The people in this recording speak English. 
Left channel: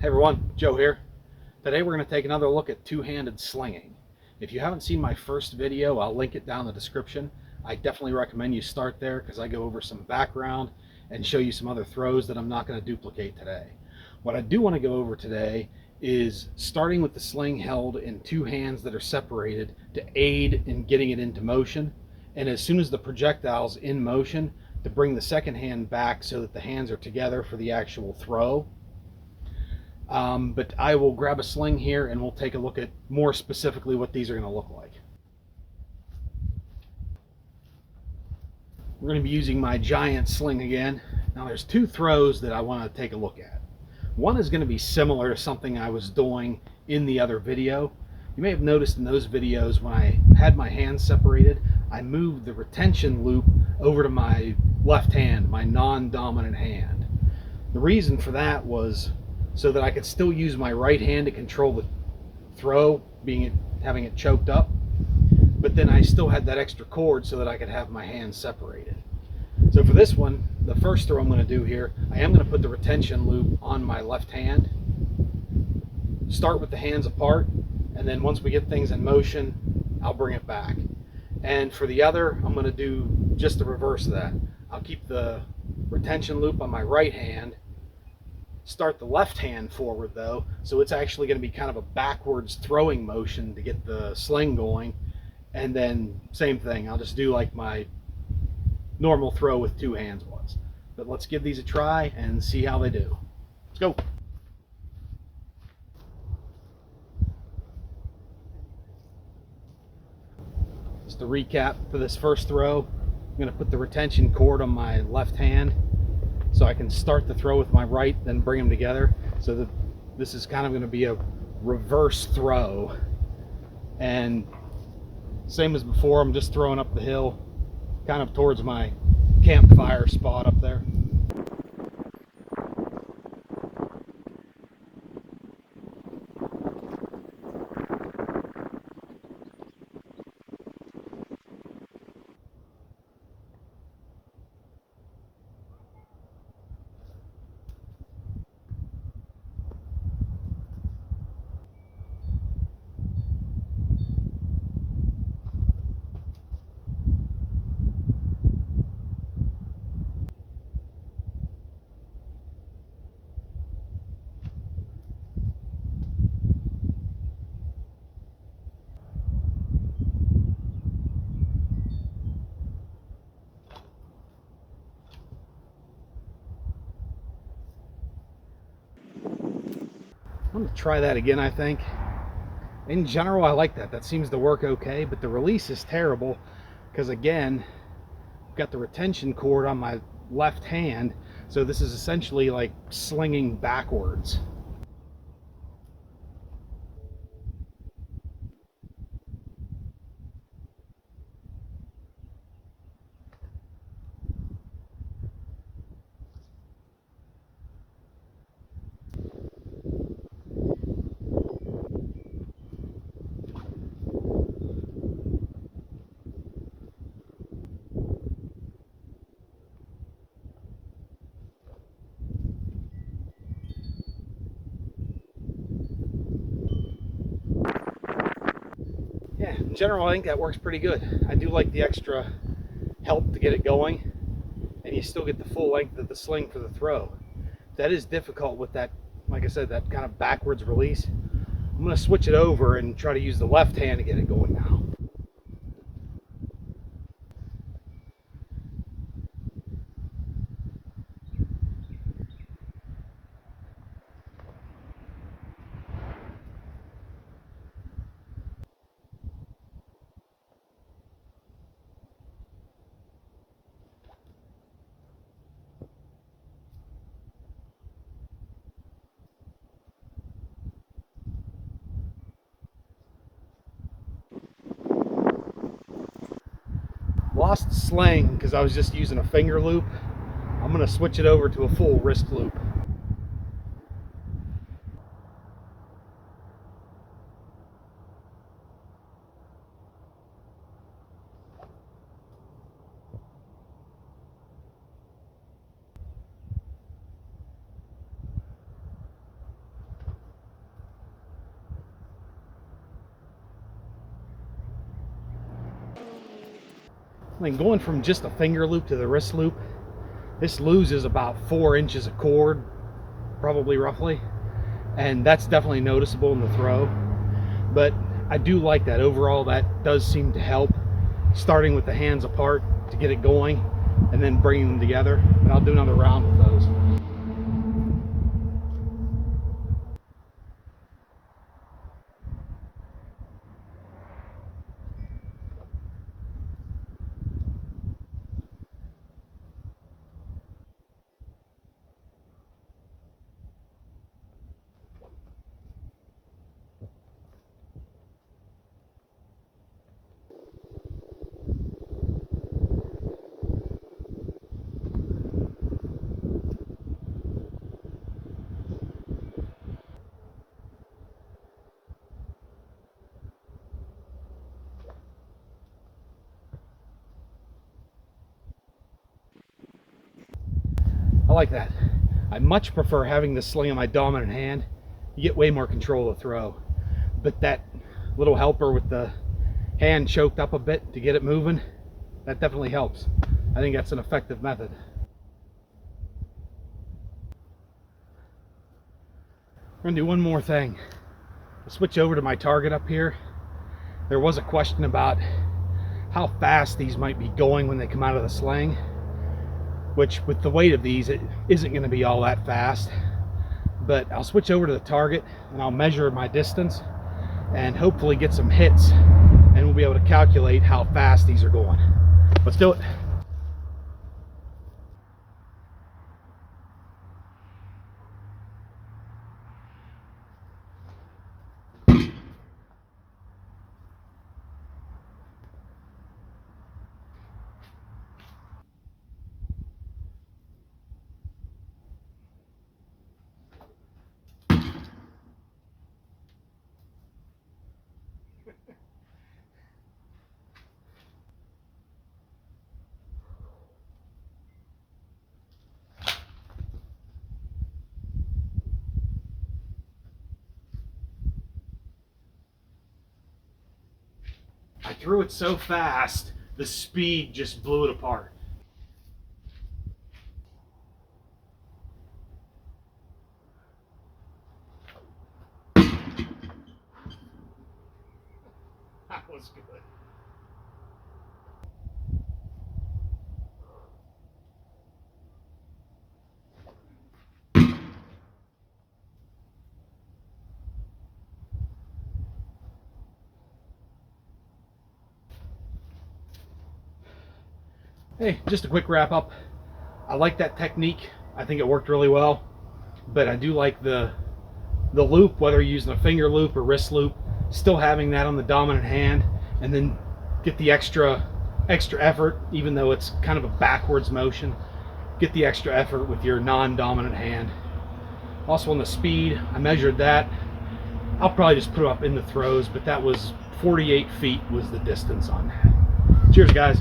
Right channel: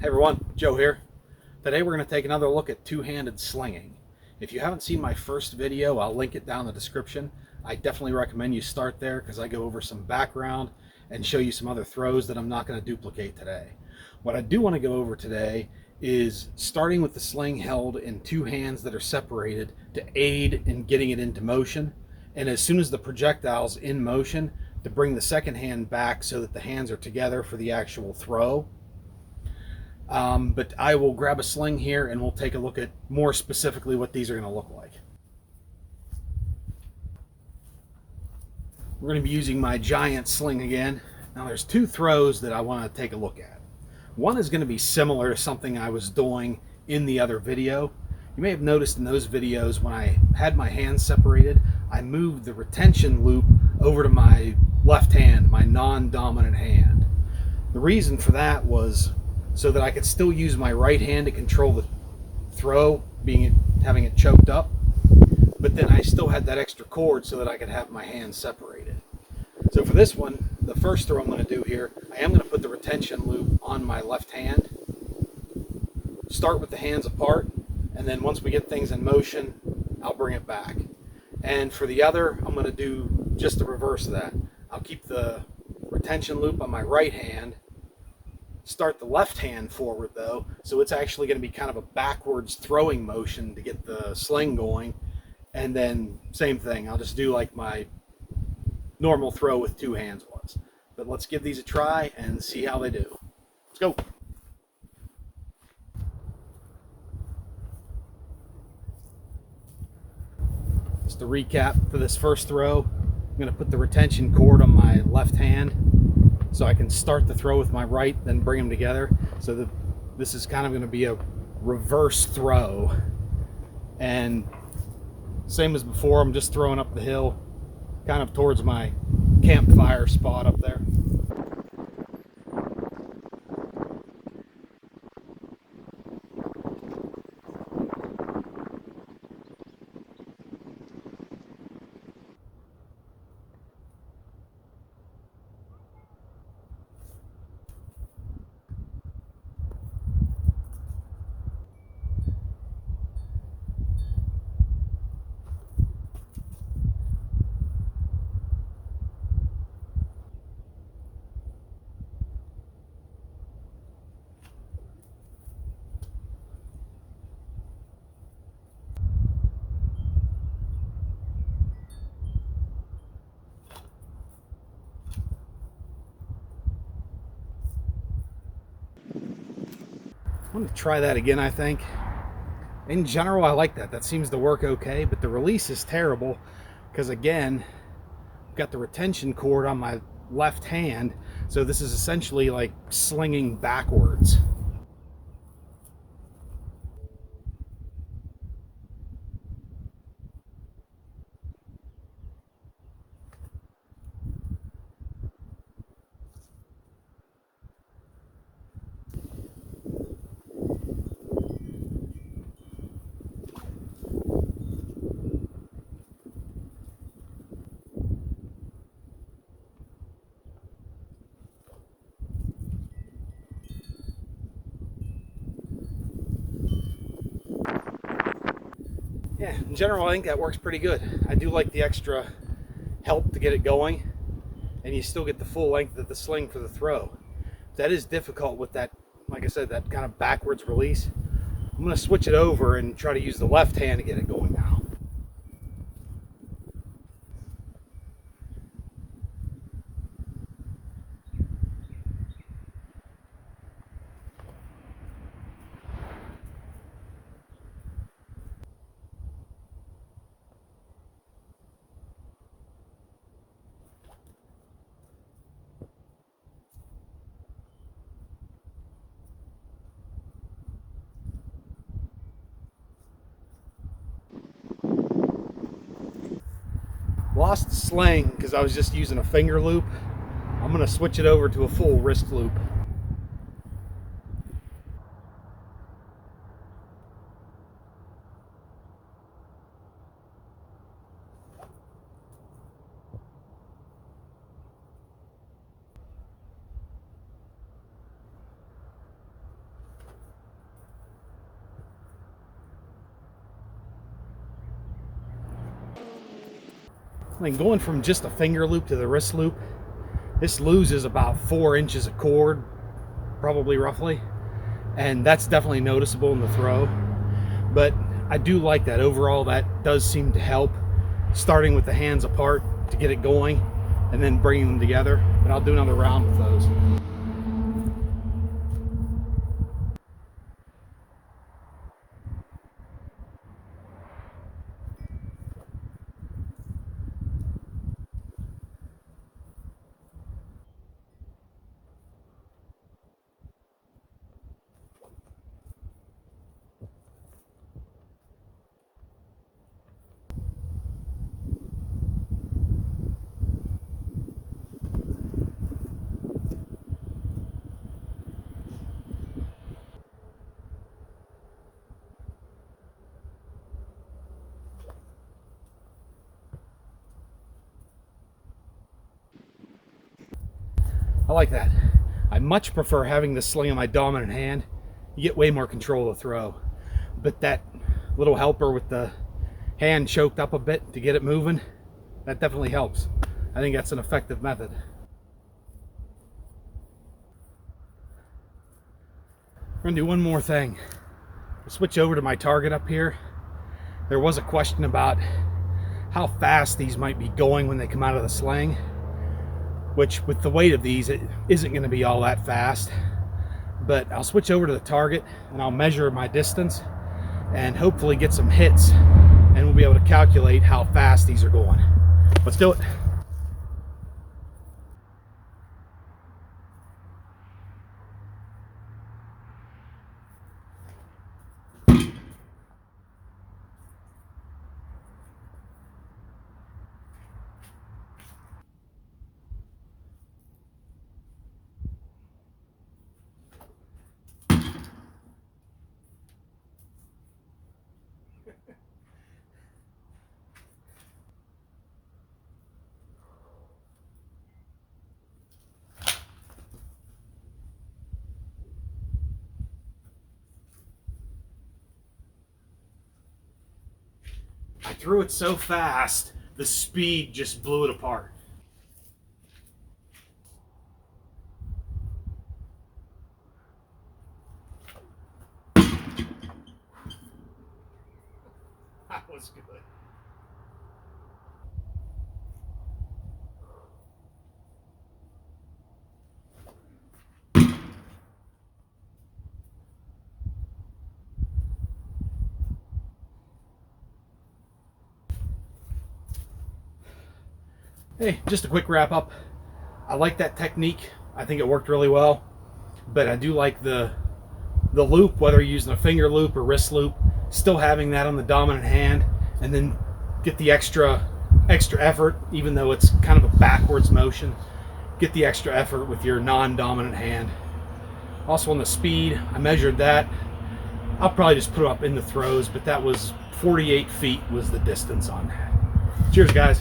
Hey everyone, Joe here. Today we're going to take another look at two-handed slinging. If you haven't seen my first video, I'll link it down in the description. I definitely recommend you start there because I go over some background and show you some other throws that I'm not going to duplicate today. What I do want to go over today is starting with the sling held in two hands that are separated to aid in getting it into motion, and as soon as the projectile's in motion, to bring the second hand back so that the hands are together for the actual throw. But I will grab a sling here and we'll take a look at more specifically what these are going to look like. We're going to be using my giant sling again. Now there's two throws that I want to take a look at. One is going to be similar to something I was doing in the other video. You may have noticed in those videos when I had my hands separated, I moved the retention loop over to my left hand, my non-dominant hand. The reason for that was so that I could still use my right hand to control the throw, having it choked up, but then I still had that extra cord so that I could have my hands separated. So for this one, the first throw I'm going to do here, I am going to put the retention loop on my left hand, start with the hands apart, and then once we get things in motion, I'll bring it back. And for the other, I'm going to do just the reverse of that. I'll keep the retention loop on my right hand, start the left hand forward though, so it's actually going to be kind of a backwards throwing motion to get the sling going, and then same thing, I'll just do like my normal throw with two hands was. But let's give these a try and see how they do. Let's go. Just to recap for this first throw, I'm going to put the retention cord on my left hand so I can start the throw with my right, then bring them together. So that this is kind of going to be a reverse throw. And same as before, I'm just throwing up the hill, kind of towards my campfire spot up there. I'm going to try that again, I think. In general, I like that. That seems to work okay, but the release is terrible because, again, I've got the retention cord on my left hand, so this is essentially like slinging backwards. Yeah, in general, I think that works pretty good. I do like the extra help to get it going, and you still get the full length of the sling for the throw. That is difficult with that, like I said, that kind of backwards release. I'm going to switch it over and try to use the left hand to get it going now. Lost the sling because I was just using a finger loop. I'm going to switch it over to a full wrist loop. Like going from just a finger loop to the wrist loop, this loses about 4 inches of cord, probably roughly, and that's definitely noticeable in the throw. But I do like that overall. That does seem to help, starting with the hands apart to get it going and then bringing them together. But I'll do another round with those. I like that. I much prefer having the sling in my dominant hand. You get way more control of the throw. But that little helper with the hand choked up a bit to get it moving, that definitely helps. I think that's an effective method. We're gonna do one more thing. I'll switch over to my target up here. There was a question about how fast these might be going when they come out of the sling, which with the weight of these, it isn't gonna be all that fast. But I'll switch over to the target and I'll measure my distance and hopefully get some hits, and we'll be able to calculate how fast these are going. Let's do it. I threw it so fast, the speed just blew it apart. That was good. Hey, just a quick wrap up. I like that technique. I think it worked really well, but I do like the loop, whether you're using a finger loop or wrist loop, still having that on the dominant hand, and then get the extra effort, even though it's kind of a backwards motion. Get the extra effort with your non-dominant hand. Also on the speed, I measured that. I'll probably just put it up in the throws, but that was 48 feet was the distance on that. Cheers, guys.